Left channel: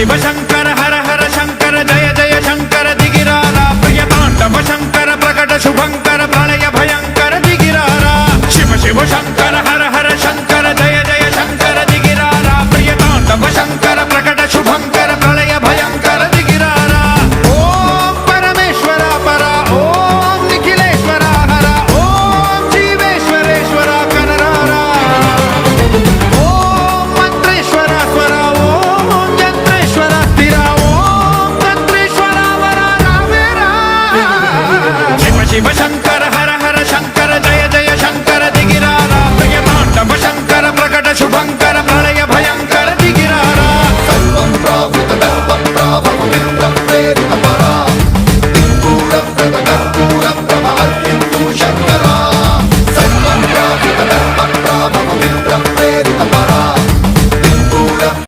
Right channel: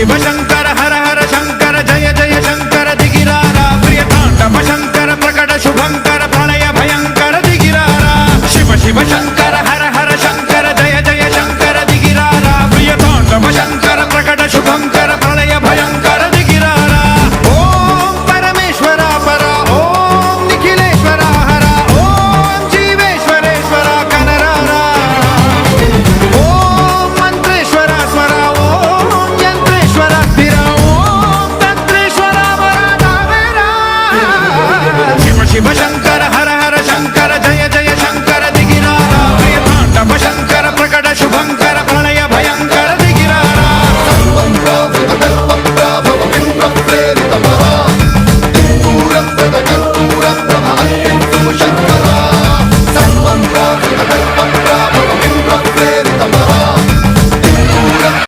शिव शंकर हर हर शंकर जय जय शंकर दिगिरारा प्रिय तांडव शंकर प्रकट शुभंकर प्रलय भयंकर दिगिरारा शिव शिव शंकर